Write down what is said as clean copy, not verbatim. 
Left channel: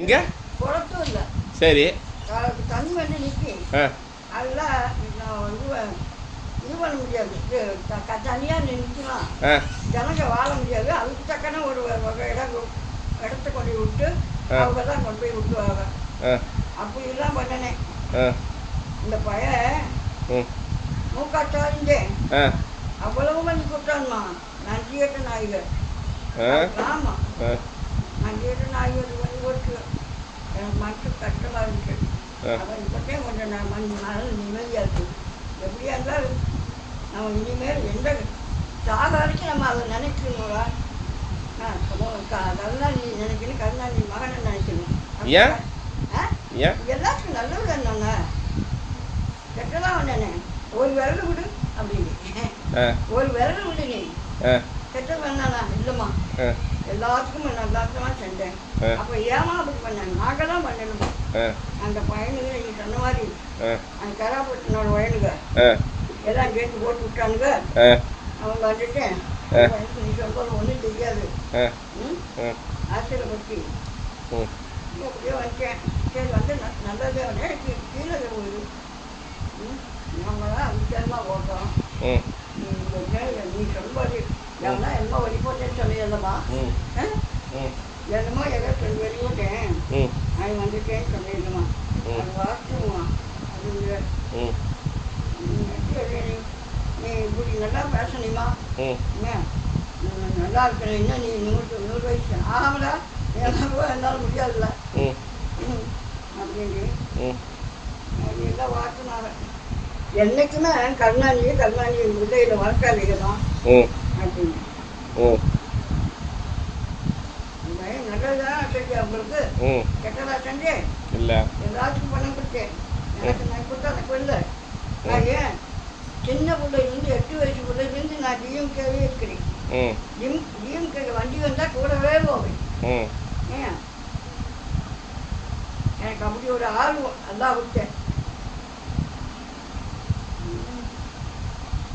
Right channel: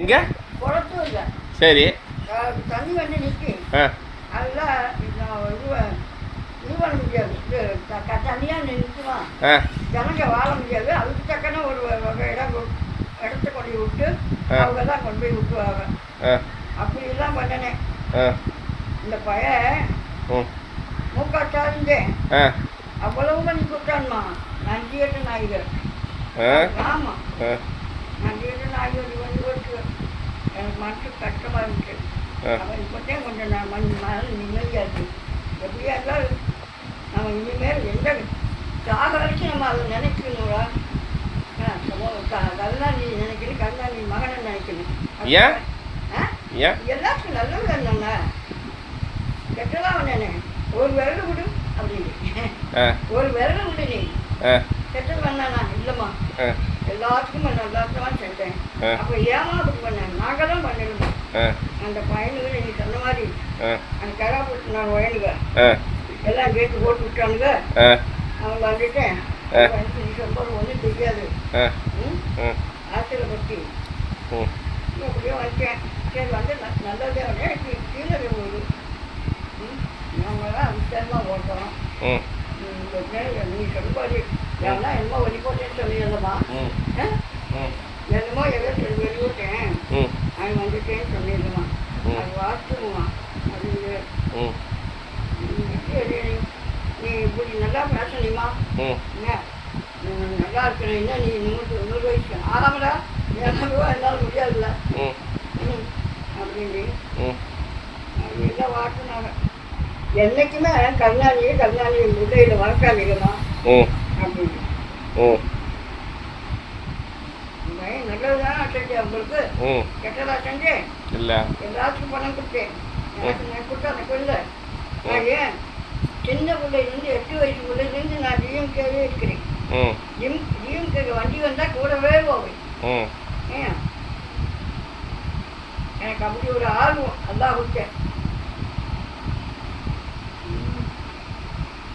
எங்க குளத்தும் இல்லை. சரி தண்ணி வந்து நிற்கி. அதில் இது பண்ண முடியாது. தனியாக நிற்கலாம். ஜனங்க வாழ முடியாது. அதுக்கு தக்கன ஒரு இடத்த கொண்டு விட்டு அவங்க தான் கொண்டு போய் விட்டுவாங்க. அப்படிலாம் பண்ணனேன். இந்த பையன் மூக்காட்டாருங்க அவ்வளவு பண்ணி கொடுத்தான்மா. நன்றி கேட்ட நாய்கள். ஆமாம், நன்றி கேட்ட நாய்கள் பண்ணி கொடுத்து எனக்கு மனசு கஷ்டமாக இருந்துச்சு. அவன் இப்போத்தே கொஞ்சம் நான் நாள் நிம்மதியாக இருக்குது. எப்படியா இருந்தாலும் நம்ம இனிமேல் எந்த சாக வரைக்கும் நம்ம அதை நினைக்கணுங்களா? கருணாநிதி நினைக்கணும், கருணாநிதி மகனை நினைக்கணும். எல்லாத்துக்கும் நல்லது என்னங்க கெட்டதான் வந்தேனே. ஒரு விரல் விடு அப்படின்னு, ஒரு விரல் விடு நீ. கெட்டது வேணாண்ணா இல்லைம்மா, எல்லாத்துக்கும் எல்லாத்துக்கும் செஞ்சேன். அப்போ ஏமா அப்படி பண்ணேன்? நாங்கள் தான் பண்ணிடுமா. அந்த பையனுக்கு நீங்கள் சொன்ன மாதிரி அந்த கராப்பட்டு நான் வயனுங்க எல்லாம் கேட்டு போட்டு விட்டானுங்க. அவன் வந்துட்டேன். நீ சொல்றது ஒன்றும் தெரியாது. ஆசிரியப்பட்டி அப்படியே வந்துட்டேன். சரி வந்து நல்லதே வந்து கீழே போகுது. நாங்களாம் விசாரமாக ஓட்டோம். நீ சொல்லுவாரு ஏன்னா என்னமோ வெளிப்போட்டேன்னு சொல்லியிருந்தம்மா. என்னமோ ஏதோ சொல்லி வெளியிட்டேன் அவன் வந்துட்டேன்னு சொல்லியிருந்தான். அது வாசிக்குவான் அப்படிங்கிற. நீ இப்படி நல்லா பேசணுமா? என்ன நல்லா இருக்கணும். என்ன நீ 100 வயசு ஆகாமடா ரூபா இருந்தாலும் முடியாதுல்ல அப்படின்னு அப்படிதான் வாட்டினாங்க. என்னைக்குமே கருணாநிதி முல்லையில் வளர்க்காதீங்கம்மா அப்படின்னு. நல்லதுதான் செஞ்சேன் உங்களுக்கு, கெட்டதா செஞ்சேன் இல்லை. எல்லாத்துக்கும் பணம் கொடுத்தேன். எனக்கு நான் கொடுத்தா எனக்கு இல்லை. நான் ஏன் சின்ன பிள்ளைலேருந்து 8 வயசு பிள்ளைலேருந்து நான் டிஎம்கேவே இருக்கிறேன். டிஎம்கே வண்டி வந்தால் கூடவே போவேன். ஏன் எனக்கு அப்படி ஒரு ஆர்வம் அதான் விட்டேன்.